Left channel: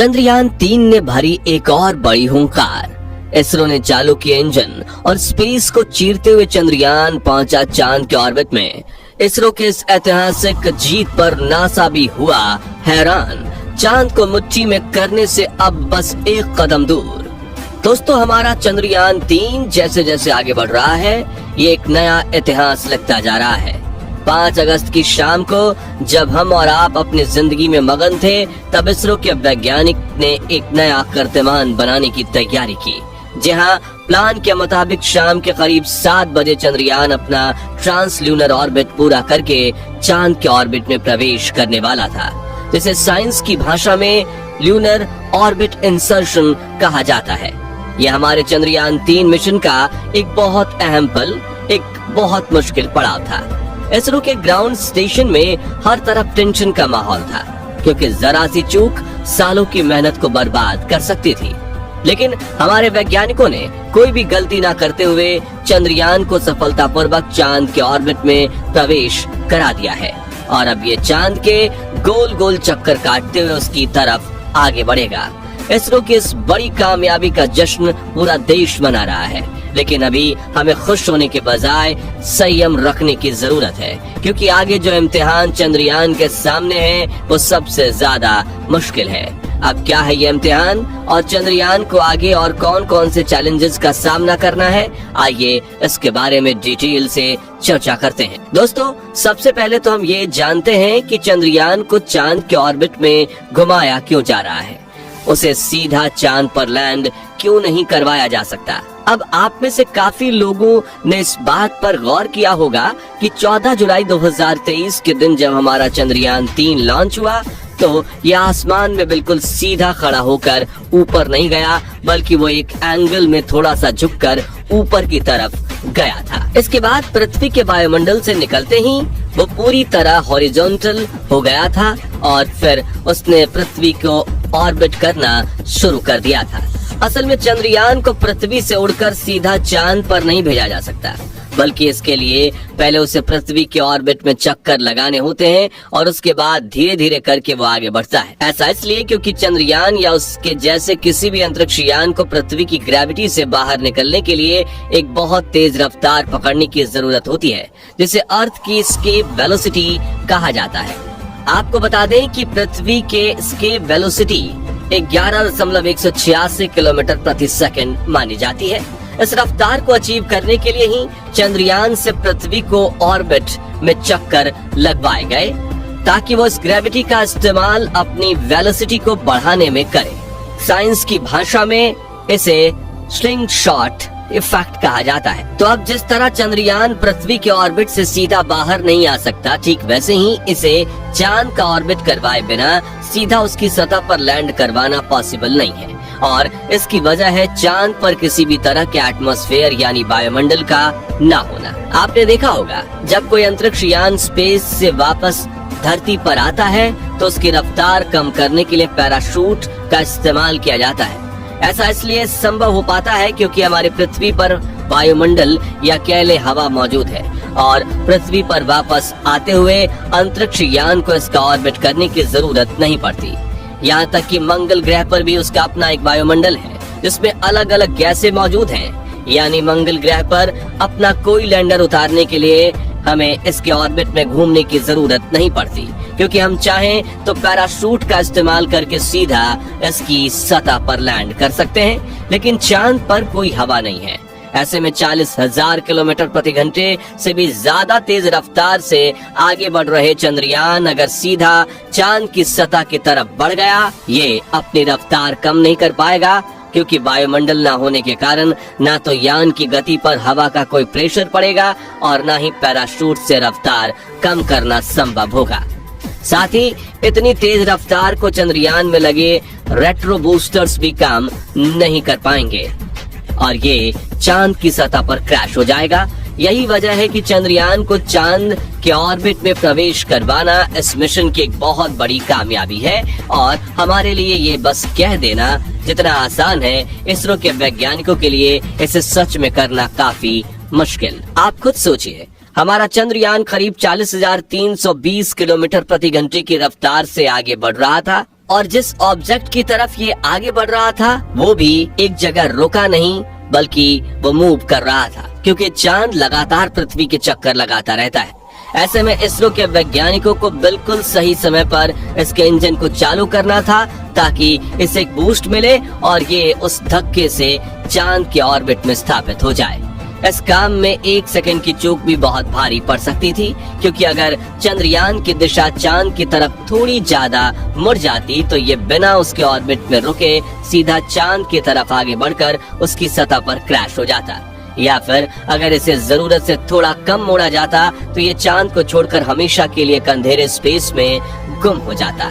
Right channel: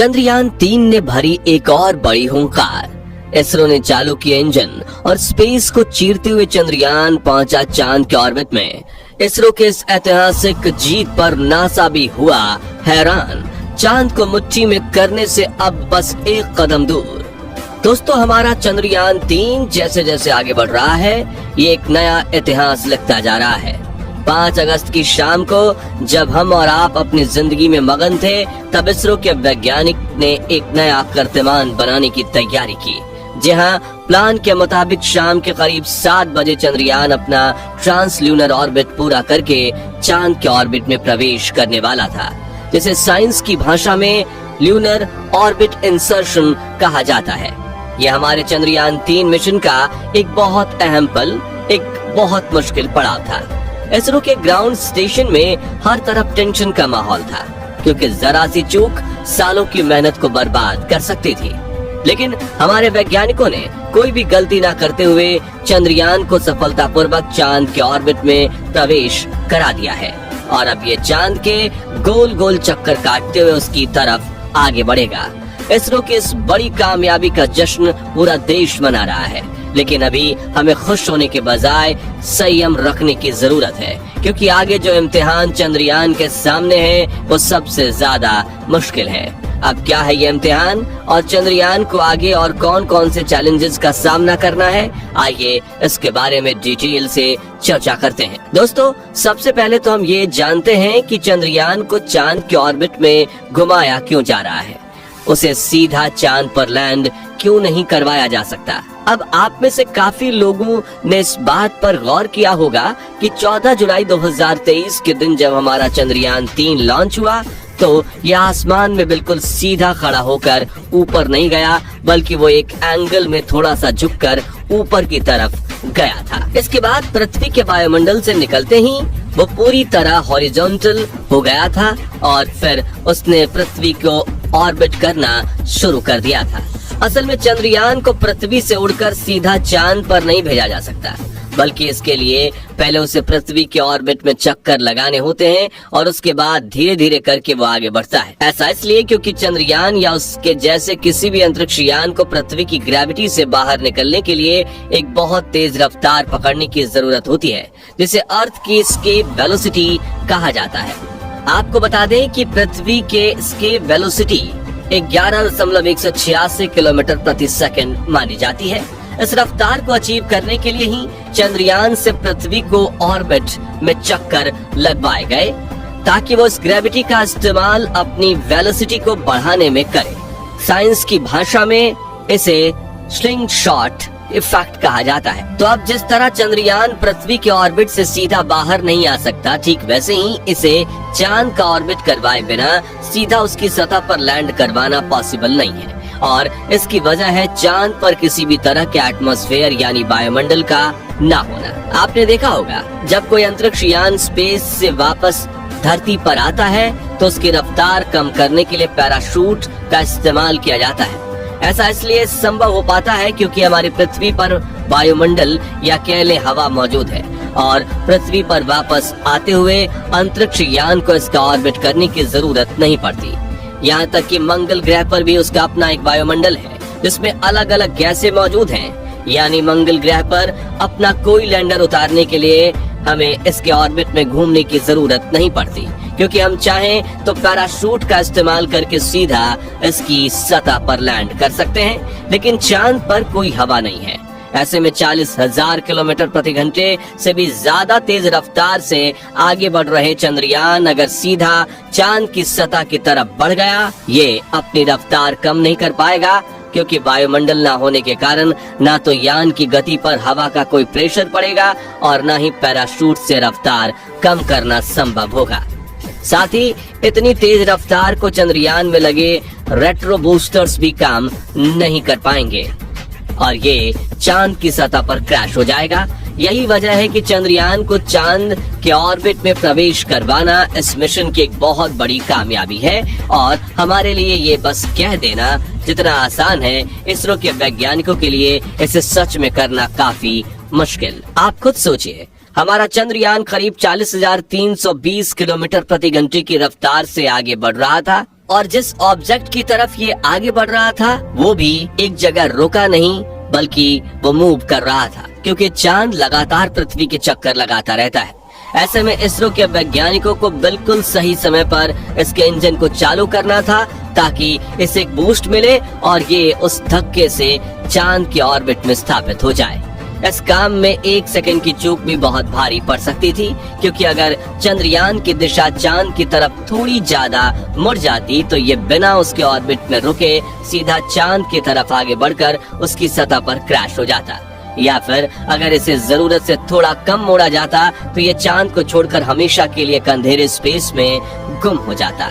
चंद्रयान-3 ने भरी एक और बड़ी हुंकार। इसरो ने चालू किया इंजन और स्पेस को चीरते हुए चंद्रयान पहुंचा चांद के ऑर्बिट में। इसरो के इस ऐतिहासिक जीत पर नासा भी हुआ हैरान। चांद को मुट्ठी में करने से अब बस एक कदम दूर। दोस्तों, हमारा चंद्रयान-3 जैसे जैसे आगे बढ़ रहा है, ये एक नया इतिहास लगता जा रहा है। 5 अगस्त की शाम को जब हम और आप अपनी जिंदगी में मगन थे, तब इसरो के वैज्ञानिक ने एक नया कीर्तिमान बनाने की तैयारी की। जी हाँ, प्लान के मुताबिक शाम के करीब 7 बजे चंद्रयान अपना ट्रांसल्यूनर ऑर्बिट पूरा करके चांद के ऑर्बिट में प्रवेश करने वाला था, जिसे साइंस की भाषा में ल्यूनर ऑर्बिट इंसर्शन कहा जाता है। यह हमारे चंद्रयान-3 मिशन का एक बहुत अहम पल, एक बहुत मुश्किल पड़ाव था। इसरो के ग्राउंड स्टेशन में हर तरफ टेंशन का माहौल था, क्योंकि जरा सी चूक सालों की मेहनत को बर्बाद कर सकती थी। लेकिन हमारे वैज्ञानिकों ने कोई भी गलती न करते हुए चंद्रयान को सफलतापूर्वक चांद के ऑर्बिट में प्रवेश करा दिया है और अब ये चांद के गोल गोल चक्कर काटते हुए उसकी तरफ आगे बढ़ेगा। इसरो की इस बड़ी कामयाबी का जश्न पूरा देश मना रहा है, लेकिन अभी हमें खुश होने के बजाय संयम रखने की जरूरत है, क्योंकि आगे जो इम्तिहान चंद्रयान के सामने है वो सबसे ज्यादा मुश्किल है। अब क्या है ये इम्तिहान और चंद्रयान को आगे और कौन कौन से चैलेंजेस का सामना करना है, आइए इसके बारे में डिटेल से चर्चा करते हैं। दोस्तों, सबसे पहले तो हम ये जानते हैं कि चंद्रयान को चांद के ऑर्बिट में घुमाया क्यों जा रहा है। उसे सीधा चांद पर लैंड क्यों नहीं करवाया जा सकता। अब आप में से काफी लोगों ने इस बात पर गौर किया होगा कि 14 जुलाई 2023 के दिन जब हमारा चंद्रयान-3 लॉन्च हुआ, तो यह आसमान में बिल्कुल सीधा खड़ा होकर ऊपर नहीं गया, बल्कि वो एक एंगल में थोड़ा सा झुककर ऊपर की तरफ गया था। इसके बाद पृथ्वी के वायुमंडल से निकलते ही वो पूरी तरह हॉरिजॉन्टल हो गया था और फिर उसने पृथ्वी को ऑर्बिट करना शुरू कर दिया था। असल में चंद्रयान को पृथ्वी से उड़कर सीधा चांद पर नहीं भेजा जा सकता, बल्कि इसके लिए पहले उसे पृथ्वी के ऑर्बिट में चक्कर लगाने होते हैं और उसके बाद धीरे धीरे करके वो आगे बढ़ता है। ऐसा इसलिए क्योंकि चंद्रयान या उसके जैसे किसी भी अंतरिक्ष यान को पृथ्वी की ग्रेविटी से बाहर निकलने के लिए एक बहुत तेज रफ्तार पकड़ने की जरूरत होती है, जिसे अर्थ की एस्केप वेलोसिटी कहा जाता है। आपको बता दें कि पृथ्वी के एस्केप वेलोसिटी 11.186 किलोमीटर प्रति सेकंड मानी जाती है। इस रफ्तार को अचीव करने के लिए ही चंद्रयान से पृथ्वी को ऑर्बिट में चक्कर लगवाए गए, ताकि वो इस ग्रेविटी का इस्तेमाल अपनी वेलोसिटी को बढ़ाने में करे। साइंस की भाषा में इसे स्लिंग शॉट इफेक्ट कहा जाता है। तो अब जिस तरह चंद्रयान पृथ्वी के ऑर्बिट से सीधा बाहर नहीं आ सकता, ठीक वैसे ही इसे चांद का ऑर्बिट करवाए बिना सीधा उसकी सतह पर लैंड करवाना पॉसिबल नहीं है, और इसकी वजह है चांद पर किसी भी तरह के एटमॉस्फेयर यानी वायुमंडल का ना होना। आपने देखा होगा, जब कोई अंतरिक्ष यान स्पेस से वापस धरती पर आता है तो उसकी रफ्तार कम करने के लिए पैराशूट का इस्तेमाल किया जाता है। ऐसा इसलिए संभव हो पाता है क्योंकि हमारी पृथ्वी पर वायुमंडल या कह लें हवा मौजूद है, और पृथ्वी पर वापस आते हुए अंतरिक्ष यान को इसका ऑर्बिट करने की जरूरत नहीं पड़ती। यहाँ तक कि मंगल ग्रह पर भी उसका अपना एक वायुमंडल है, जिसमें अलग अलग गैसें मौजूद हैं। यानी मंगल ग्रह पर अपना कोई लैंडर उतारने के लिए हमें इसके ऑर्बिट में घूमने की जरूरत नहीं पड़ती, क्योंकि हम चाहें तो पैराशूट का इस्तेमाल करके सीधा इसकी सतह पर लैंड कर सकते हैं। लेकिन चांद पर कोई हवा नहीं है। ऐसे में 40,000 किलोमीटर प्रति घंटे से भी ज्यादा तेज रफ्तार से आगे बढ़ रहे चंद्रयान अगर सीधा चांद की सतह की तरफ बढ़ गया, ये अपनी रफ्तार कम नहीं कर पाएगा, क्योंकि वायुमंडल ना होने के कारण ना तो यान की गति पर हवा का कोई प्रेशर पड़ेगा और ना ही पैराशूट से रफ्तार कम करना संभव होगा। साथ ही इतनी तेज रफ्तार को चंद्रयान में लगे रेट्रो बूस्टर्स भी काम नहीं कर पाएंगे और ये चांद की सतह पर क्रैश हो जाएगा। यही वजह है कि चंद्रयान को चांद के ऑर्बिट में प्रवेश करवाना इस मिशन की एक बहुत बड़ी कामयाबी है, और हमारे लिए ये बस कह देना जितना आसान है, इसरो के वैज्ञानिकों के लिए इसे सच में करना काफी मुश्किल। आप खुद सोचिए, हमारा चंद्रयान करीब 40,320 किलोमीटर प्रति घंटे की रफ्तार से आगे बढ़ रहा था और जिस ऑब्जेक्ट की तरफ ये आगे बढ़ रहा था वो भी एक जगह रुका नहीं बल्कि वो मूव कर रहा था, क्योंकि चांद लगातार पृथ्वी के चक्कर लगाता रहता है। ऐसे में इसरो के वैज्ञानिकों को बिल्कुल सही समय पर इसके इंजन को चालू करना था ताकि इसे एक बूस्ट मिले और ये उस धक्के से चांद के ऑर्बिट में स्थापित हो जाए। इस काम में 1 सेकंड की चूक भी बहुत भारी पड़ सकती थी, क्योंकि अगर चंद्रयान की दिशा चांद की तरफ थोड़ी ज्यादा मुड़ जाती तो ये बिना उसके ऑर्बिट में रुके सीधा चांद की तरफ आगे बढ़कर उसकी सतह पर क्रैश हो जाता, या फिर अगर इसे जरूरत से थोड़ा कम मोड़ा जाता तो ये चांद को छोड़कर हमेशा के लिए अंधेरे स्पेस में गुम हो जाता।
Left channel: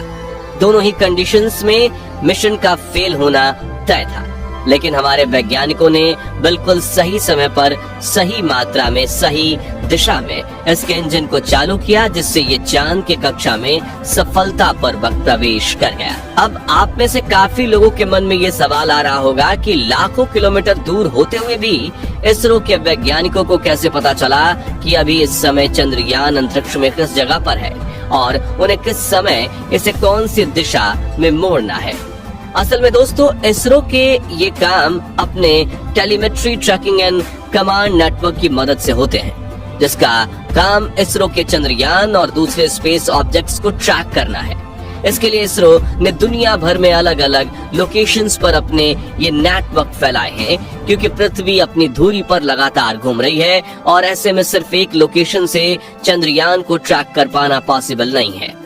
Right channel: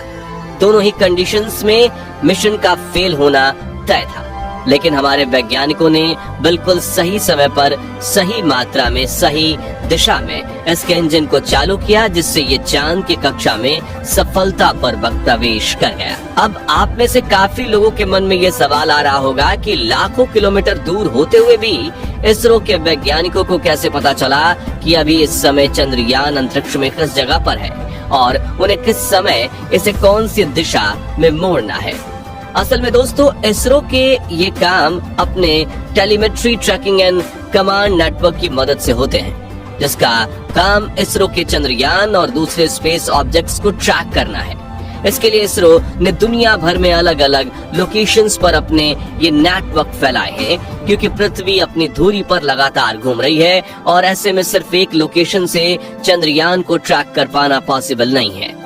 दोनों ही कंडीशंस में मिशन का फेल होना तय था, लेकिन हमारे वैज्ञानिकों ने बिल्कुल सही समय पर सही मात्रा में सही दिशा में इसके इंजन को चालू किया, जिससे ये चांद की कक्षा में सफलतापूर्वक प्रवेश कर गया। अब आप में से काफी लोगों के मन में ये सवाल आ रहा होगा कि लाखों किलोमीटर दूर होते हुए भी इसरो के वैज्ञानिकों को कैसे पता चला कि अभी इस समय चंद्रयान अंतरिक्ष में किस जगह पर है और उन्हें किस समय इसे कौन सी दिशा में मोड़ना है। असल में दोस्तों, इसरो के ये काम अपने telemetry tracking and command network की मदद से होते हैं, जिसका काम इसरो के चंद्रयान और दूसरे स्पेस ऑब्जेक्ट्स को ट्रैक करना है। इसके लिए इसरो ने दुनिया भर में अलग अलग लोकेशंस पर अपने ये नेटवर्क फैलाए हैं, क्योंकि पृथ्वी अपनी धुरी पर लगातार घूम रही है और ऐसे में सिर्फ एक लोकेशन से चंद्रयान को ट्रैक कर पाना पॉसिबल नहीं है।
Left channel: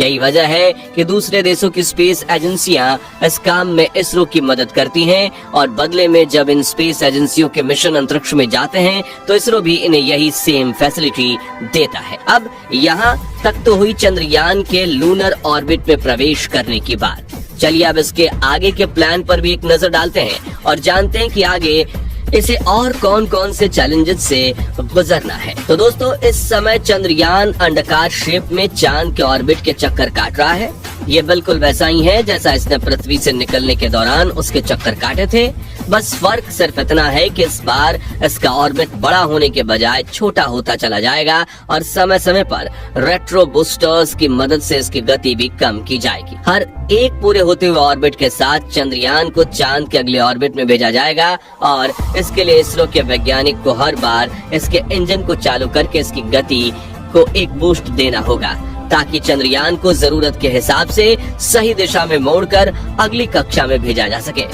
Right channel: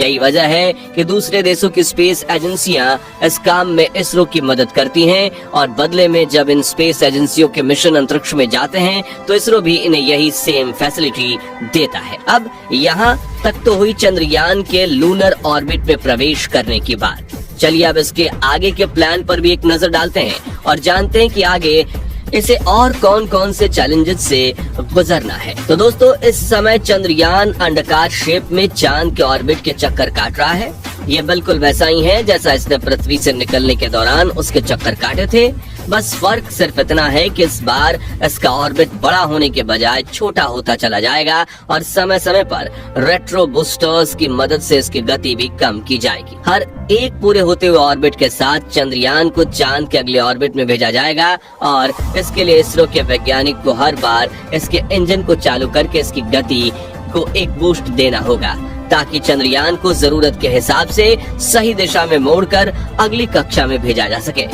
यही वजह है कि दूसरे देशों की स्पेस एजेंसियां इस काम में इसरो की मदद करती हैं और बदले में जब इन स्पेस एजेंसियों के मिशन अंतरिक्ष में जाते हैं तो इसरो भी इन्हें यही सेम फैसिलिटी देता है। अब यहाँ तक तो हुई चंद्रयान के लूनर ऑर्बिट में प्रवेश करने की बात। चलिए अब इसके आगे के प्लान पर भी एक नजर डालते हैं और जानते हैं कि आगे इसे और कौन कौन से चैलेंजेस से गुजरना है। तो दोस्तों, इस समय चंद्रयान अंडाकार शेप में चांद के ऑर्बिट के चक्कर काट रहा है। ये बिल्कुल वैसा ही है जैसा इसने पृथ्वी से निकलने के दौरान उसके चक्कर काटे थे। बस फर्क सिर्फ इतना है कि इस बार इसका ऑर्बिट बड़ा होने के बजाय छोटा होता चला जाएगा और समय समय पर रेट्रो बूस्टर्स की मदद से इसकी गति भी कम की जाएगी। हर एक पूरे होते हुए ऑर्बिट के साथ चंद्रयान को चांद के अगले ऑर्बिट में भेजा जाएगा और इसके लिए इसरो के वैज्ञानिक को हर बार इसके इंजन को चालू करके इसकी गति को एक बूस्ट देना होगा, ताकि चंद्रयान को जरूरत के हिसाब से सही दिशा में मोड़कर अगली कक्षा में भेजा जा सके।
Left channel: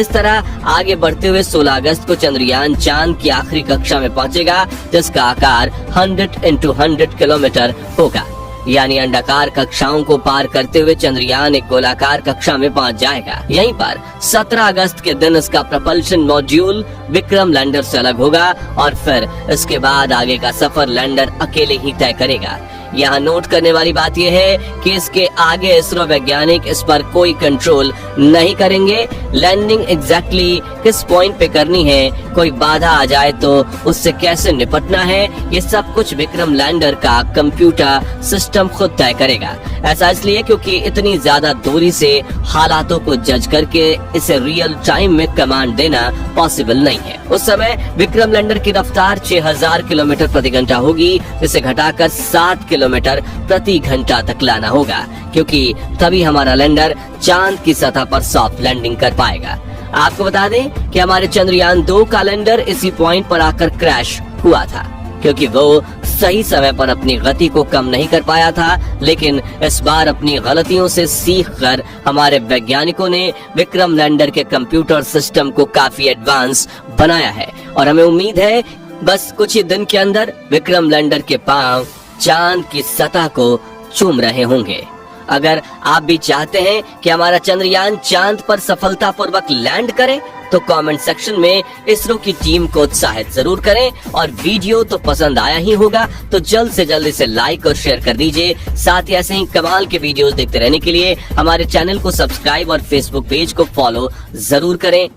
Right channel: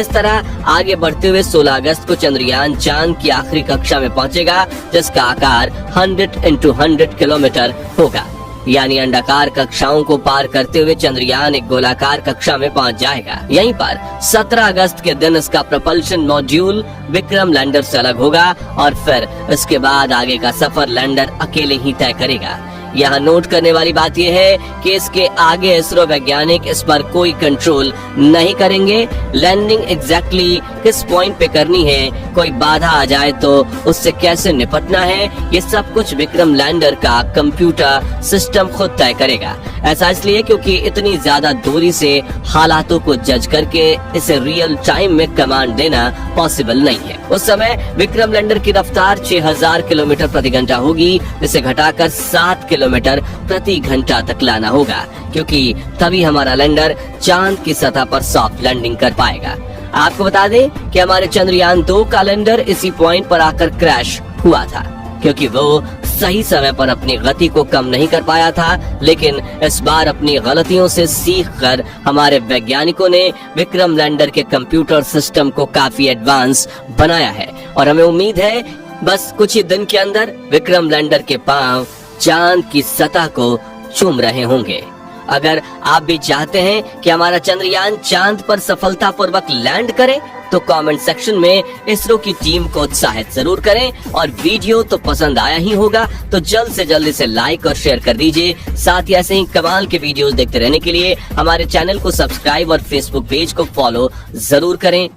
इस तरह आगे बढ़ते हुए 16 अगस्त को चंद्रयान चांद की आखिरी कक्षा में पहुंचेगा, जिसका आकार 100x100 किलोमीटर होगा। यानी अंडाकार कक्षाओं को पार करते हुए चंद्रयान एक गोलाकार कक्षा में पहुंच जाएगा। यहीं पर 17 अगस्त के दिन इसका प्रपल्शन मॉड्यूल विक्रम लैंडर से अलग होगा और फिर इसके बाद आगे का सफर लैंडर अकेले ही तय करेगा। यहाँ नोट करने वाली बात यह है कि इसके आगे इसरो वैज्ञानिक इस पर कोई कंट्रोल नहीं करेंगे। लैंडिंग एग्जैक्टली किस पॉइंट पे करनी है, कोई बाधा आ जाए तो उससे कैसे निपटना है, ये सब कुछ विक्रम लैंडर का कंप्यूटर सिस्टम खुद तय करेगा। ऐसा इसलिए क्योंकि इतनी ज्यादा दूरी से हालातों को जज करके इसे रियल टाइम में कमांड देना पॉसिबल नहीं है। उस समय विक्रम लैंडर की रफ्तार 6000 किलोमीटर प्रति घंटा होगी, जिसे घटाकर 60 किलोमीटर प्रति घंटा तक लाना होगा, क्योंकि तभी हमारा लैंडर चांद की सतह पर सॉफ्ट लैंडिंग कर पाएगा। आपको बता दें कि हमारे चंद्रयान 2 का लैंडर इसी पॉइंट पर आकर क्रैश हुआ था, क्योंकि वो सही समय पर अपनी गति को कम नहीं कर पाया था। लेकिन इस बार अपनी गलतियों से सीखकर हमारे वैज्ञानिकों ने विक्रम लैंडर के कंप्यूटर सिस्टम को काफी एडवांस बनाया है और हमें उम्मीद है बस कुछ ही दिन के अंदर विक्रम लैंडर के पांव चांद की सतह को चूम रहे होंगे। अगर आप भी चाहते हैं कि हमारा चंद्रयान चांद पर सफलतापूर्वक लैंड करे तो कमेंट सेक्शन में इसरो की टीम को उत्साहित जरूर करें और वीडियो तो पसंद आया ही होगा तो जल्द से जल्द इसे लाइक और शेयर कर दीजिए। साथ ही ऐसे ही कमाल के वीडियोस देखते रहने के लिए हमारे चैनल को सब्सक्राइब और फेसबुक पेज को फॉलो जरूर करें।